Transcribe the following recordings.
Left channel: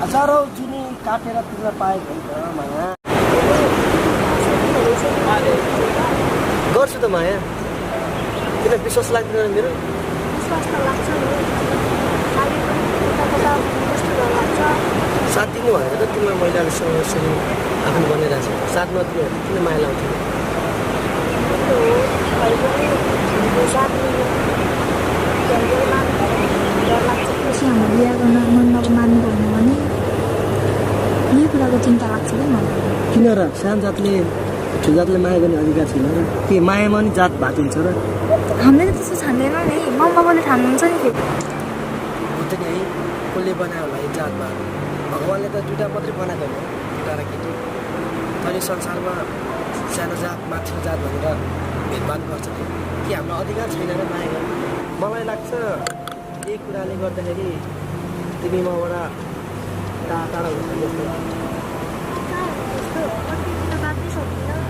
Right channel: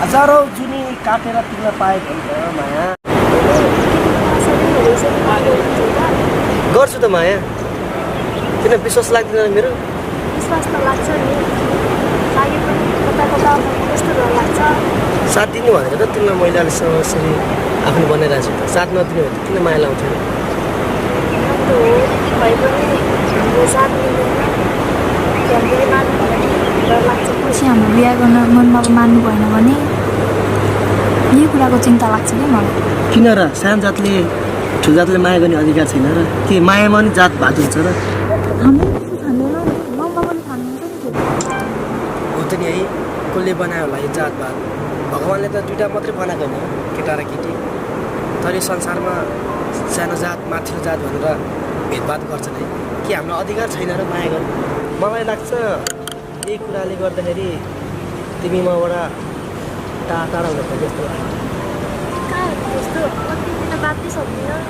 हजारौँ जुनी काटेर तिमीलाई पाएको नि त माया। गर्छु त माया, किन विश्वास लाग्दैन मेरो? विश्वास त लाग्छ नि, लागे पनि कता कता कस्तो डर लाग्छ। साथ दिनु भनेर त तिमीलाई मैले अहिलेसम्म यसरी आफ्नो बनाइरहेको छु त। साथ नदिनु भने त किन माया लाउँथ्यो? भए पनि हाम्रो साथ मिल्दैन, फ्यामिलीले मान्नु भने डर लाग्छ। पछि हाम्रो बिहा गर्न मनमा मान्नु भएन भने यही कुराको चिन्ता लाग्छ कि मलाई। किन र? सानो जातले ठुलो जातले माया गर्ने अधिकार छैन र? के मायामा नि जात भात हुन्छ र? हामीले त्यस्तो ठान्दैनौँ नि, मम्माले ठान्नुहुन्छ नि फेरि। हो त नि है, कसले बनायो होला यो जातभात? भगवान्ले त दुइटा मात्रै बनाएको होइन, केटा र केटी। तर यो संसारमा सानो जात माथिल्लो जात भनेर भेदभाद गर्छन् है। के हाम्रो अधिकार छैन र माया गर्ने? मलाई लाग्छ यही कुराले गर्दाखेरि तिमी मबाट टाढा हुँदैछ जस्तो लाग्छ। कहाँ त्यस्तो कतिदिन बाँच्नै सक्दिनँ।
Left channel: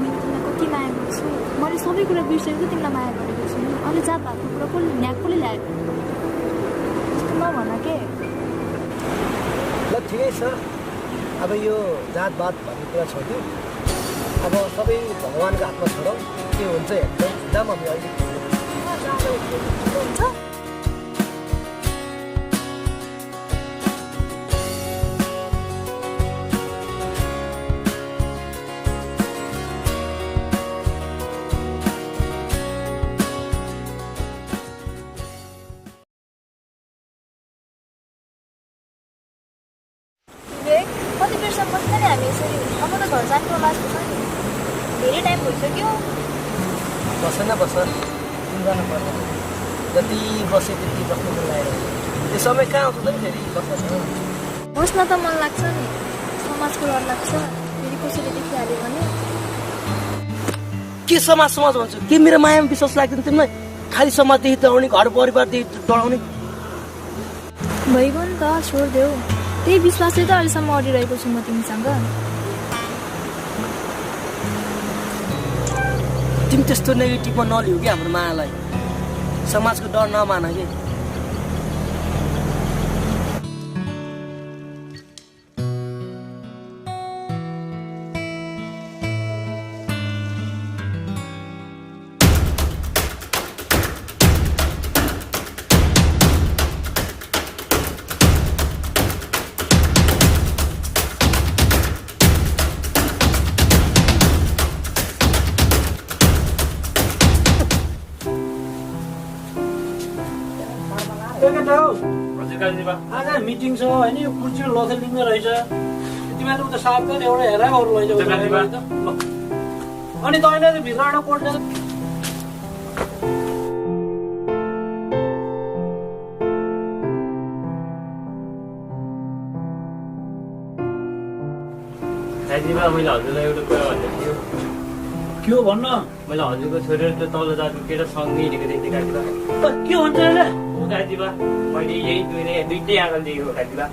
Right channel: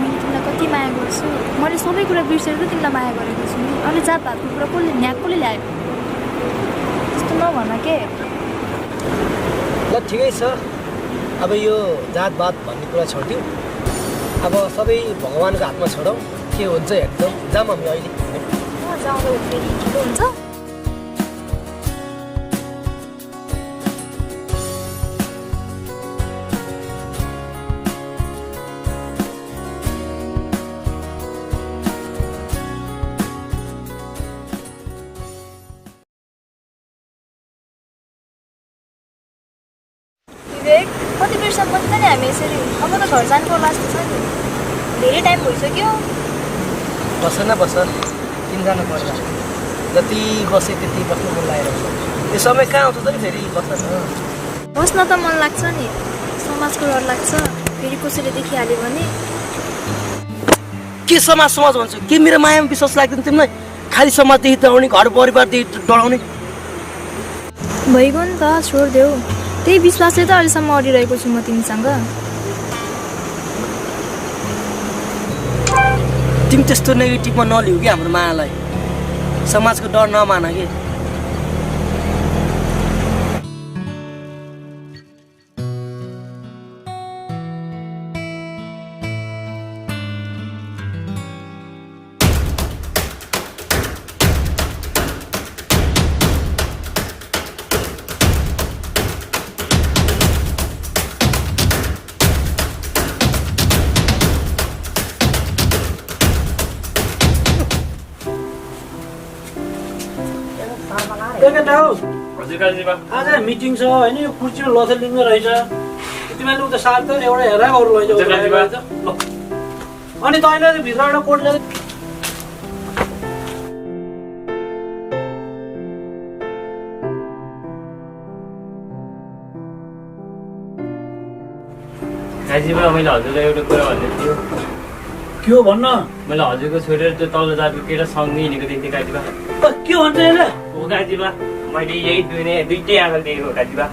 मैले तिमीलाई कति माया गर्छु, मैले सबै कुरा बिर्सेर त तिमीलाई माया गरेको छु नि। अहिले जातभातको कुरा कसले ल्यायो? त्यस्तो नभन के। ल ठिकै छ, अब यो जातभात भन्ने कुरा छोड्यौँ। अब सबै भगवान्को हातमा छोडौँ, के हुन्छ हेर्छौँ। जाऊँ हामी अहिले। जाउँदा फेरि ठिकै हुन्छ। विवेक, कति बेरसम्म बस्छ नि हामी यसरी? अब त घर जानु पर्ला जस्तो छ नि, धेरै टाइम भइसक्यो। बस न बस, किन जानु पर्ला? जति बसे त्यति बस्नु मन लागेर यो समय कहाँ आउँछ त नि फेरि? बस्न त बस्न त मन लाग्छ नि, समाजको डर लाग्छ फेरि कसैले देखिहाल्यो भने। के समाज भन्छु? के मेरो मायामा विश्वास लाग्दैन तिमीलाई? खालि समाजदेखि डराउने, घर परिवारदेखि डराउने। भइगयो नि त, छोडिदेऊ। त्यही विश्वासले त अहिलेसम्म अडिरहेको छु म तिमीसँग। तिमी त्यस्तो नेगेटिभमा नलिउ कि हाम्रो मायालाई। समाजको डर नमान कि। हजुर काजीबा, आज मिटिङ छ होइन? यो कुर्सीमा लथेल लिँदो रहेछ। तिमीहरूले उता साथ त एउटा हेरेर अरू लैजाऊ ल। अनि तैँले भित्रबाट कोट ल्याएर काजीबा, मैले हजुरलाई एउटा कुरा भन्दै थियो। के हो भन्न? मैले हजुरको छोडेर त्यो तल्लो जातको केटा सँगै हिँडेको देख्थेँ काजीबा। के भन्छ यसले? हो काजीबा, मैले यही दुइटै आँखाले देखेको काजीबा।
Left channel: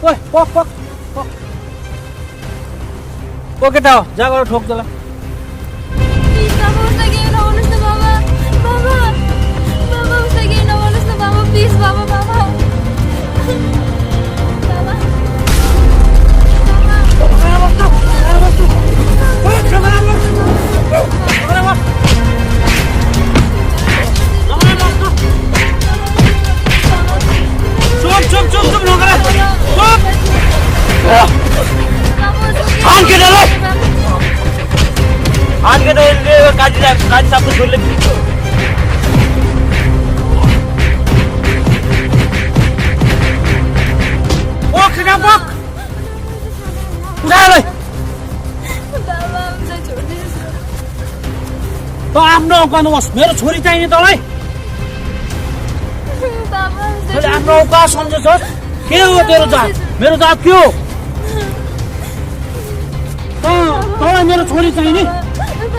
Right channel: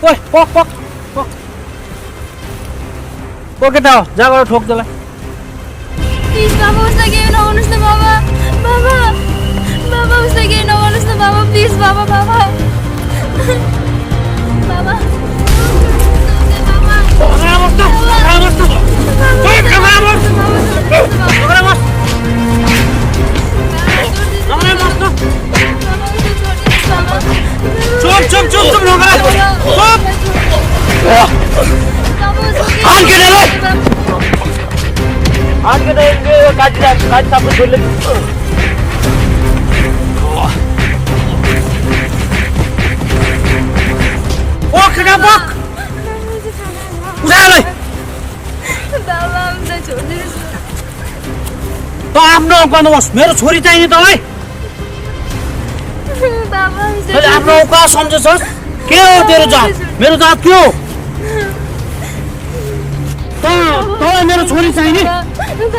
ओइ पक पक पक केटा हो, जा गएर ठोक त्यसलाई। प्लिज बाबा, उसलाई केही नगर्नुहोस् न बाबा। बाबा बाबा, उसलाई केही नगर्नुहोस् न बाबा, प्लिज बाबा। बाबा बाबा Vamos, हान केटालाई काजी सापको छोरीले ओ केटा बक उठालाई बाबा हामीलाई छोड्दिनुहोस् न। त आफ्नो गर्नुहोस् मेरो छोरी चाहिने तँलाई बाबा हामीलाई तैँले आफ्नो औकात सम्झेछस् के हो तेरो जात मेरो जात के हो तँलाई मेरो छोरी चाहिने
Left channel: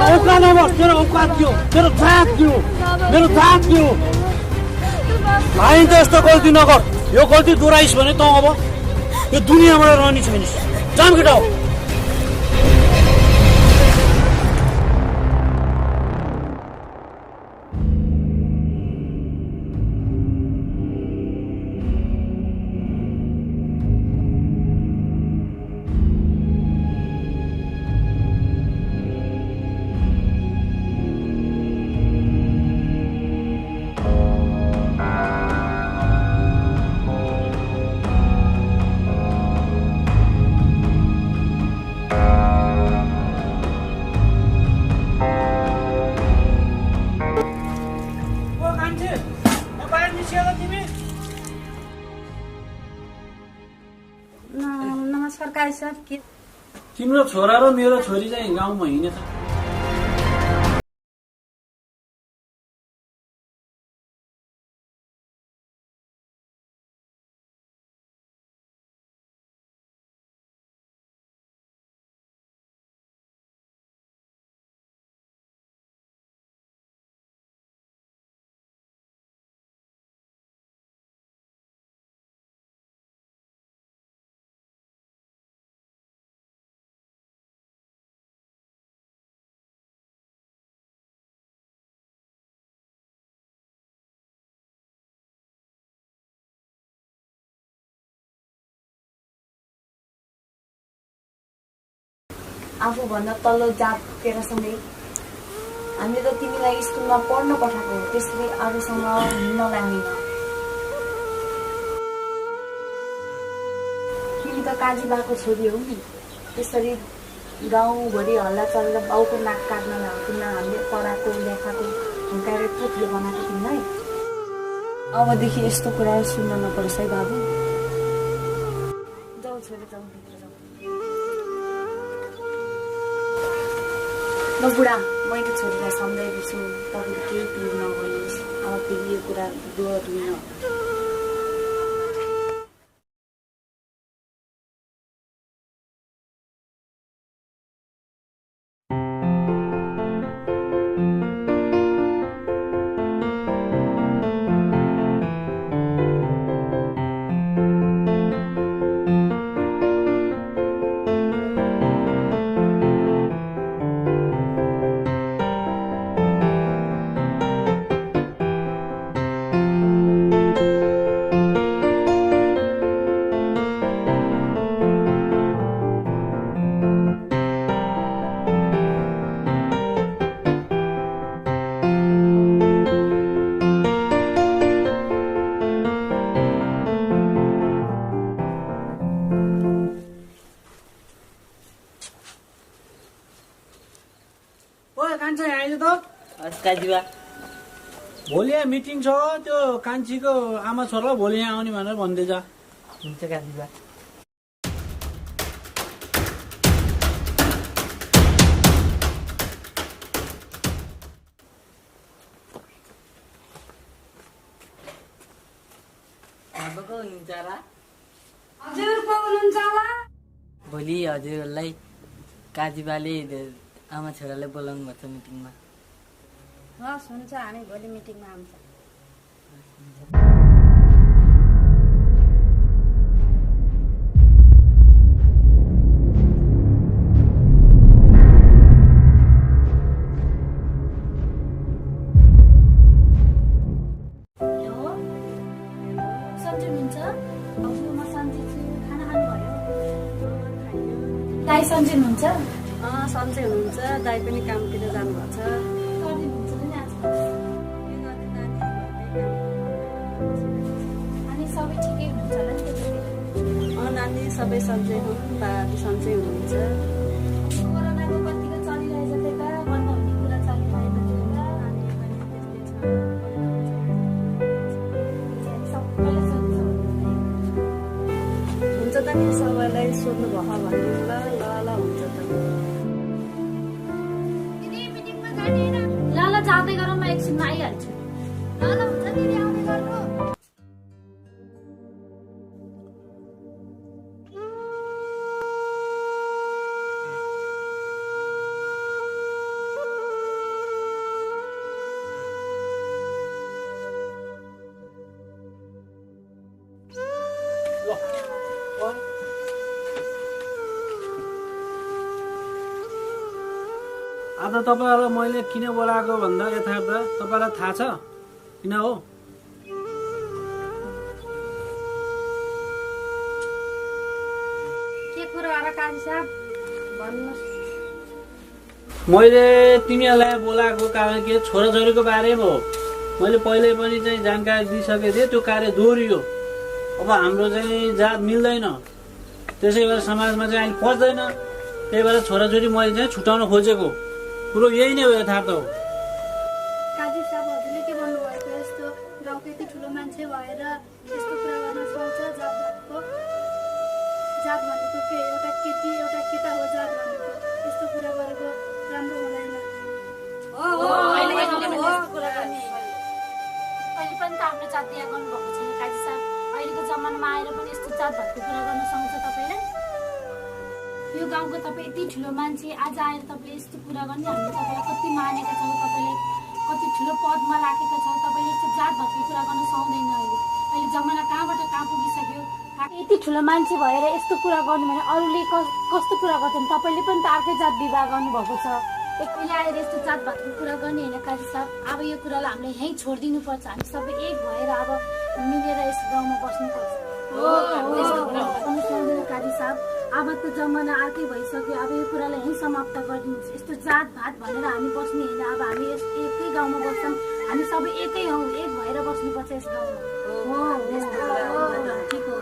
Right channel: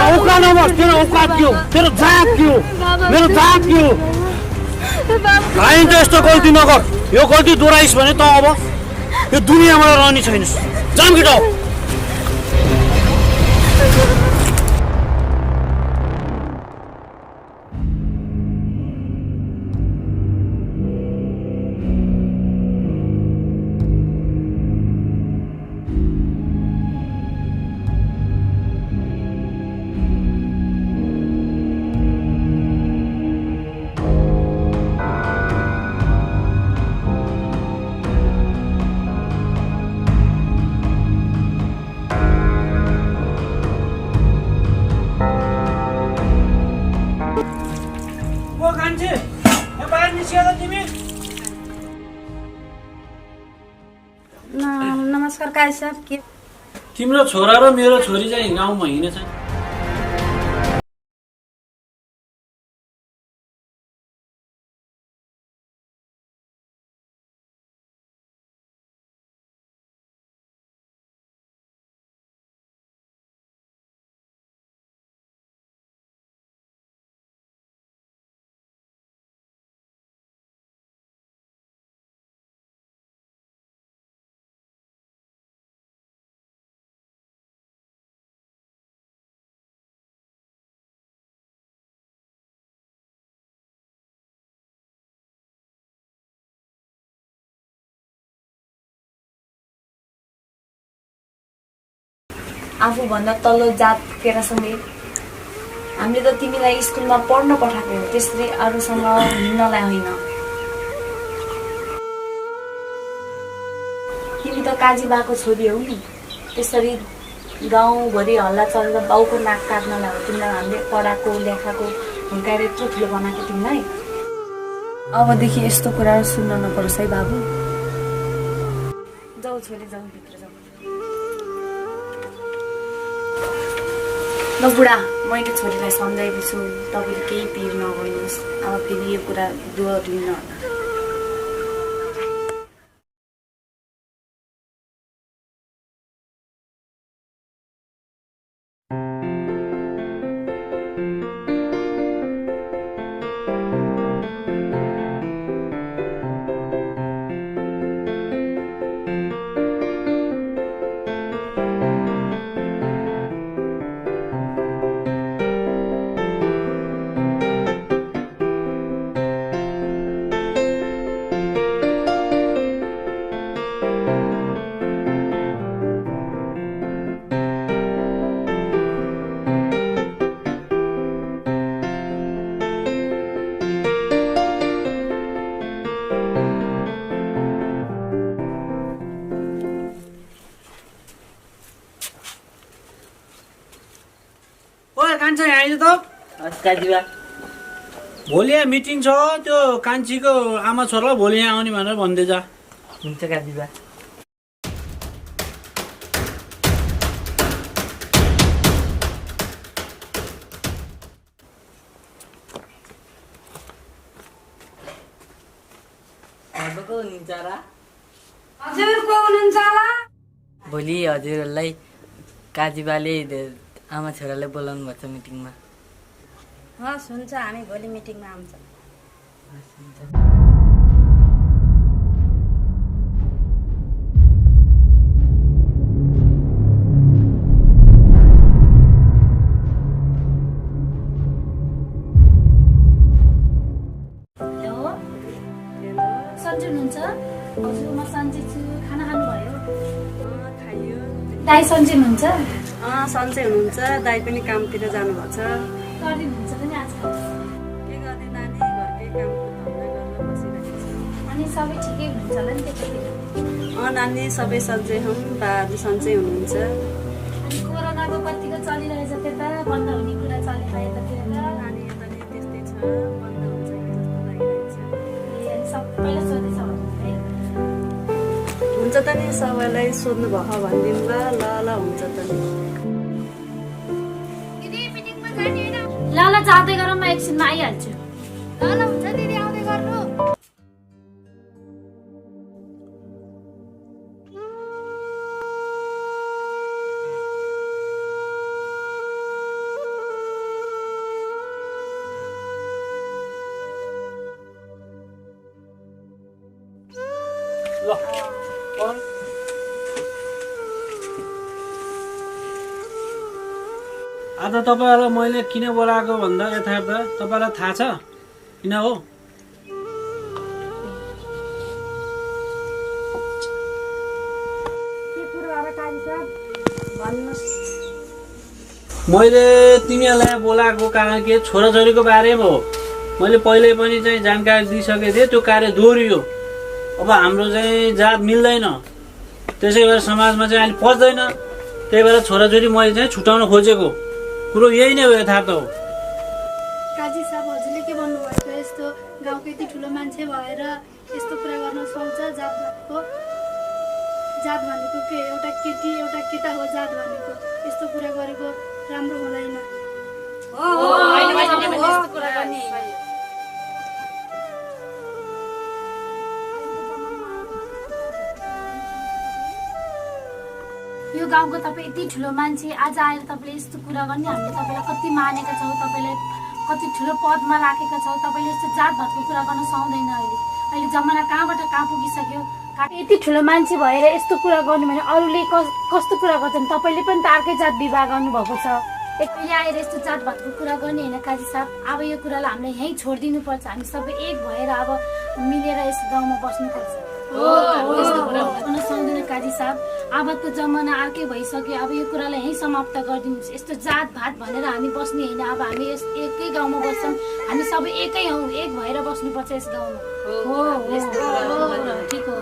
औकात नभस् तेरो औकात के हो तेरो जात के हो मेरो जात के हो भाइ त यस्तो गल्ती नगर यो गल्ती दोहोऱ्याइस् भने त अब यो दुनियाँबाट रहने छैनस् जाम केटा हो नमस्कार काजी साहब के तिम्रो छोरा र मेरो छोरी चाहिँ गाउँमा हिँडेछ आफूभन्दा तल्लो जात केटासँगै हामीले त तिमीलाई स्कुलमा पढ्न पठाएको हो त्यसरी अरूसँग हिँड्नलाई होइन तिमी त काजी बाको छोरी हौ नि त्यसरी गाउँभरि हल्ला चलेर बाउको नाक काट्नलाई हो तिमीलाई हामीले पढाएको लेखाएको हुर्काएर यत्रो ठुलो बनाएको तिमीलाई अबदेखि यस्तो कुराहरू सुन्न नपरोस् है बाबु जाऊ छोरी जाऊ भित्र जाऊ ल बुढा मैले छोरीलाई सम्झाएको छु तपाईँले केही पिर नगर्नुहोस् अब फेरि यो कुरा दोहोरिन्न होला कान्छी आइज त काजीबा भोलि यहाँ मिटिङ छ त्यो कान्छीको आमा छोरालाई भोलि यहाँ आउने भनेर भन्दै जा हुन्छ काजीबा हजुर को हुनुहुन्छ होला भोलि हजुरहरूलाई काजीबाले आमा छोरालाई बोलाउनु भएको छ मिटिङमा हस् हुन्छ हामी भोलि मिटिङमा आउँछ हेलो सन्चै हुनुहुन्छ हजुर म सन्चै छु खाना खानुभयो खाइयो दाइ सन्चै हुनुहुन्छ सन्चै हुनुहुन्छ दाइ पनि कामतिर जानुभएको छ गरिदिनुहुन्छ पनि आज के गर्ने नानी घरकै कामको धन्दा गरेर बसिरहेको छ अनि सबै ठिकै हुनुहुन्छ होला नि त्यतातिर नानी सबै सन्चै हौँ, बाहरू सन्चै हुनुहुन्छ। कोरोनाको कतिको चलिरहेछ त्यता बन्द हुने कुरा चलिरहेछ त्यता नानी यता नि त्यस्तै छ, बन्द हुन्छ कि जस्तो लागिरहेछ। सबैले सोधेछ है हुन्छ त नि, सबैलाई सोध्नु भयो भनिदिनु ल ल हुन्छ त नि। ल ल जाँदै गरौँ, म एकछिनमा आइहाल्छु। ल ल हुन्छ दिदी, आउँदै गर्नु। आज तपाईँहरूलाई मैले किन बोलाएको भन्दा यथार्थ तपाईँलाई थाहा छ किन हो? के कुरा हो र काजी साहब भन्नुहोस्। मैले तिमीहरूलाई बोलाएको कारण के छोराछोरीको बारेमा हो। मैले पहिले पनि चाहिँ जानकारी दिइसकेको थिएँ, त्यो कार्य दोहोरियो। अब हाम्रो चाहिँ जात मिल्दैन, त्यसै भएर समाजमा चाहिँ अहिले पच्दैन। त्यही भएर छोराछोरी मैले चाहिँ छुटाउन खोजेको कुरो यही नै हो, यथार्थ हो। काजी साहब हजुरले के भन्नुभएको, यस्तो गाउँको यति ठुलो मान्छे भएर यस्तो कुरा गर्न सुहाउँछ? जात भनेको के, एउटा केटी एउटा केटा हो जात भनेको। यस्तो कुरा गरेको राम्रो हुँदैन। यो गाउँको तपाईँ यति ठुलो मान्छे आज आएर तपाईँले यस्तो कुरा गर्ने, हामीले तपाईँलाई कति मानेका छौँ, तपाईँले कति ठुलो पदमा राखेका छौँ, तपाईँले यस्तो जात भातको कुरा गर्न सक्दैन। अहिले जमाना कहाँबाट कहाँ पुगिसक्यो। यति ठुलो मान्छे भएर यस्तो कुरा गर्नु भने अरूले कस्तो कुरा गर्छन्? तपाईँले पनि त अर्कै जात विवाह गर्नुभएको छ। एकले आएर यस्तो जात भातको कुरा गर्ने होइन काजी साहब। अब यो कुरालाई हामीले यहीँ छोडिदिनुपर्छ। हामी सबै एक भएर अब मिलेर यस गाउँमा बस्नुपर्छ। सक्दैन काजी साहब, अबको जमाना अर्कै भइसक्यो। अब यो कुरालाई यहीँ समाप्त गरिदिनुहोस्। यस्तो जात भात भनेर हामी बस्ने होइन। अब हामी यस एकै गाउँमा बस्छौँ, हामी सबै एकै हौँ, एक भएर बस्नुपर्छ यस गाउँमा। ठिक हो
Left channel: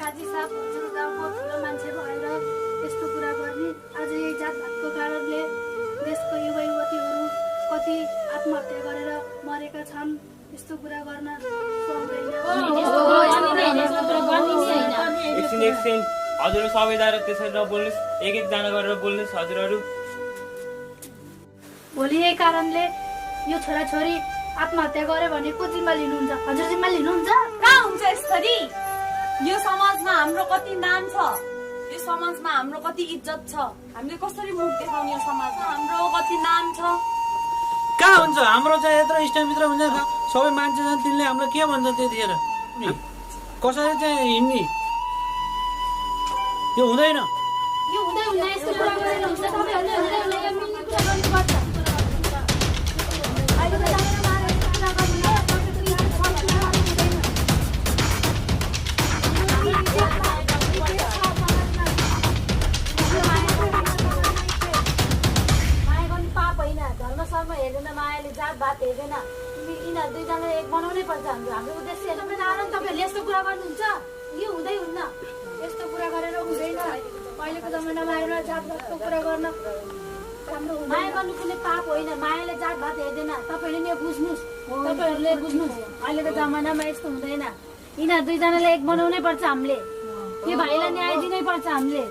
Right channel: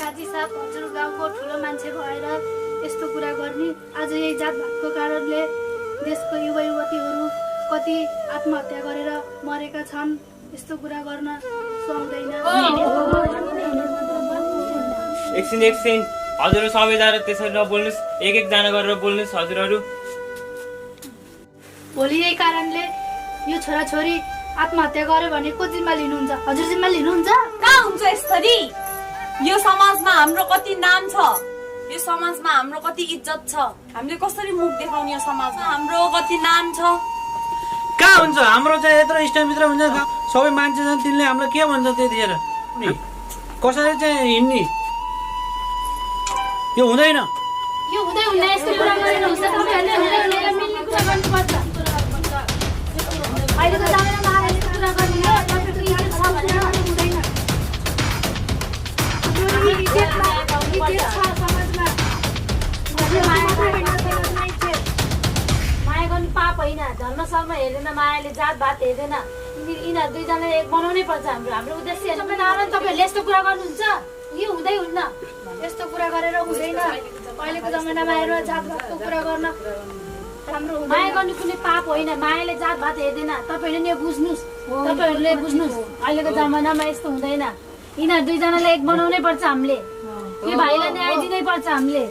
काजी साहब, हजुर गाउँको ठुलो मान्छे भएर यस्तो कुरा गर्ने। आज यही जात भातको कारणले देशको युवा युवतीहरू कति आत्महत्या गरेर मरेका छन्। यस्तो कुरा गर्न सक्दैन। एकछिन हजुर सबैजना त्यसरी नबोल्नुहोस्, एक एकजना गरेर बोल्नुहोस् हजुरहरू। भोलि यही कारणले यो छोराछोरी आत्महत्या गर्यो भने को जिम्मा लिनुहुन्छ? हजुर जिम्मा लिनुहुन्छ? कहाँ हुन्छ यसरी? यो समाजमा हाम्रो कति नाम छ, यो समाजमा हाम्रो कति इज्जत छ। हामीले कसरी मुख देखाउने? यो समाजमा हाम्रो कति नाम छ। कहाँ हुन्छ हाम्रो चाहिँ यत्रो इष्टमित्र हुन्छ, सबै मान्छे छन्, तिनले हाम्रो के भन्छ त्यतिखेर? कसरी चाहिँ हिँड्ने? यो हुँदैन। यो हुँदैन। यस्तो कुरा गरेर हुन्छ? तपाईँहरूले मिल्ने कुरा गर्नुपर्छ। अहिलेको जमानामा आएर यस्तो कुरा गर्ने हो? तपाईँको इज्जत छ भने हुँदैन। माया गर्नु पाप होइन। धर्म सर्म हेर्दैन, मायाले जात भात हेर्दैन। यिनीहरू दुईजनाले एक बनाउनै पर्छ। हाम्रो उद्देश्य तपाईँहरूले यस्तो कुरा गर्नुहुन्छ? यो हुँदै हुन्न। यस्तो कुरा गरेर हुँदैन। अहिलेको जमानामा आएर जात भातको कुरा गर्न राम्रो हुँदैन। माया गर्नु कुनै पाप होइन। मायाले जात भात हेर्दैन। तपाईँहरूले यो बुझ्नुहोस्, तपाईँहरूले बुझ्नुहोस्। अहिलेको जमानामा यस्तो हुँदैन। यिनीहरू दुईजनाले एक बनाउनै पर्छ हामीले। यो भाइलाई न्याय दिनै पर्छ हामीले।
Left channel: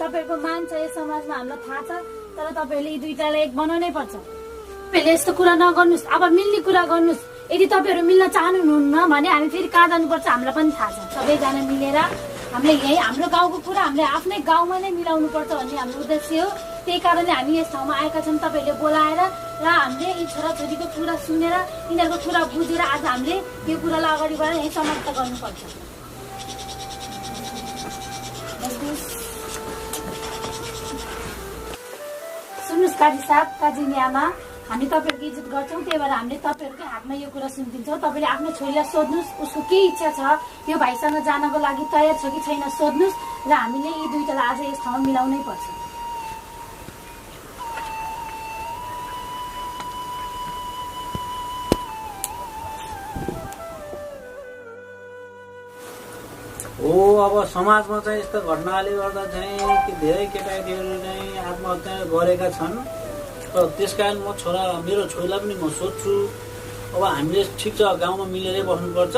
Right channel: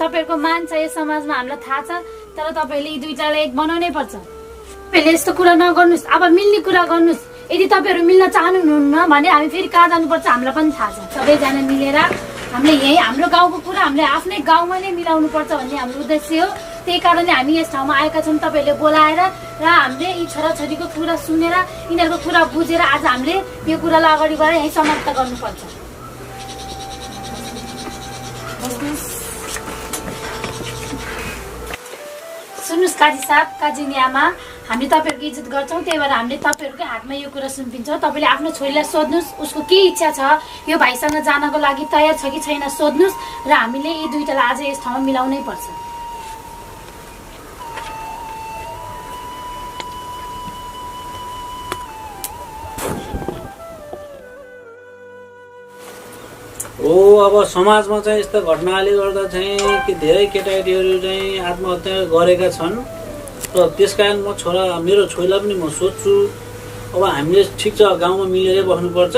तपाईँहरूको मान छ यस समाजमा, हामीलाई थाहा छ। तर तपाईँहरूले यी दुईटालाई एक बनाउनै पर्छ। तपाईँहरूले यस्तो कुरा नगर्नुहोस्। अब मिल्ने कुरा गर्नुहोस्। यदि तपाईँहरू मिल्न चाहनुहुन्न भने हामी फेरि कहाँ जानुपर्छ हामीलाई पनि थाहा छ। सबैजना मिलेर हामीले यही हाम्रो गाउँको कुरा हामीले आफ्नै गाउँमा नै मिलाउनु पर्छ भन्ने हाम्रो उद्देश्य हो। त्यही कारणले हामी यस ठाउँमा आएका छौँ, तपाईँहरूले बोलाएर र हामीले यी छोराछोरीको कुरा सुनेर यिनीहरूको कुरा बुझेर आज हामीले यो कुरालाई अगाडि बढाएर यहीँ समाप्त गर्नुपर्छ। सुन्नुहोस् काजी साहब, काजी आमा, हामी तपाईँहरूको इज्जत गर्छौँ। त्यही भएर हामीले तपाईँहरूकै हातमा यो कुरा सुनिदिन्छौँ। तपाईँले आफ्नो छोरीलाई सोध्नुहोस्, उसको के इच्छा छ, यो भाइसँग जानको लागि तयार छ कि छैन सोध्नुहोस्। र हामीले यी दुईटालाई आज यस ठाउँमा मिलाउनै पर्छ। हो अब समाजमा चाहिँ यस्ता घटनाले गर्दा चाहिँ कि धेरै केटाकेटीहरू चाहिँ आत्महत्या गरेका छन् र त्यस कारण म मेरो छोरीलाई पनि म सोध्छु अब हामीले ठिक छ गाउँमा मिलेरै बस्नुपर्छ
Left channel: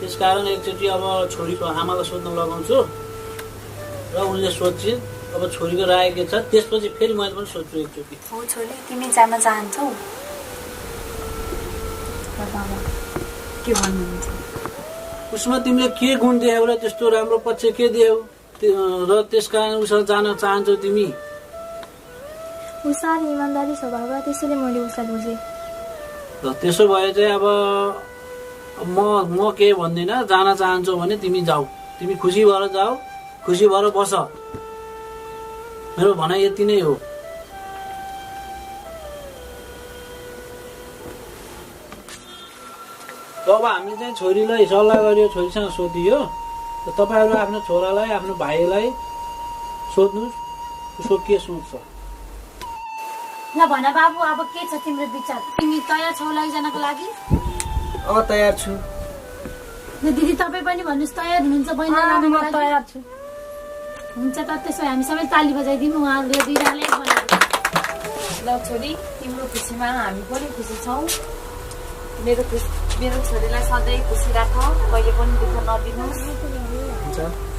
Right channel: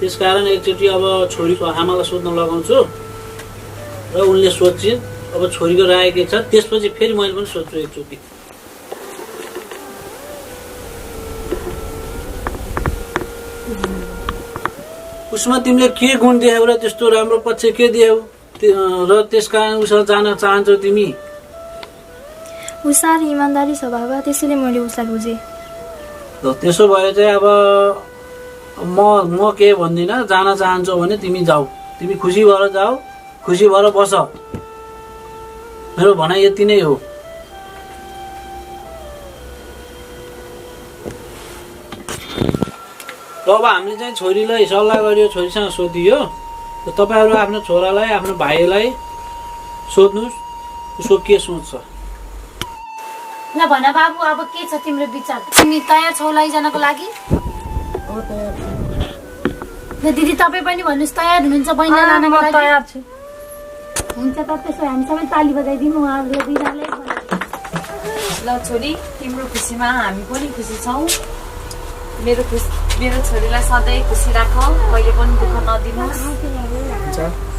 त्यस कारण एकचोटि अब छोरीको आमालाई सोध्न लगाउँछु र उनले सोध्छिन् अब छोरीको राय के छ त्यसपछि फेरि मैले पनि सोध्छु एकचोटि हो छोरी तिमी जान चाहन्छौ के भन्नुहुन्छ उसमा तिमीले के गुण देखाउ र त्यस्तो राम्रो पक्ष के देऊ र त्यस कारण उसलाई जान चाहन्छौ तिमी ऊ साह्रै इमान्दारी स्वभाव त्यसैले मैले उसलाई बुझेँ र त्यसो भए चाहिँ अब म के भन्दिनँ जान चाहन्छौ भने तिमी जाऊ तिमी खुसी भएर जाऊ खुसी भएर बस मेरो भनाइ यति नै हो र अब हामीले चाहिँ छोरीलाई सल्लाह गरियो छोरीसँग सोधियो र तपाईँहरू आफ्नो छोरालाई आफ्नो भाइलाई सोध्नुहोस् उसको के सोच छ ल भन बाबु अब के छ तिम्रो विचार तिमी तयार छौ लैजानको लागि तयार छु ल दिदी तपाईँ पनि भन्नुहोस् तयार हुनुहुन्छ बहिनीलाई लानको लागि तयार छु हुन्छ त त्यसो हामी सबै ताली बजाइदिउँ उहाँहरूले दुईजनाले ल छोरी तिम्रो खुसीमा हामी पनि खुसी छौँ मेरो छोरीलाई सधैँ खुसी राख कहिले पनि दुःख नदिनुहोस् हुन्छ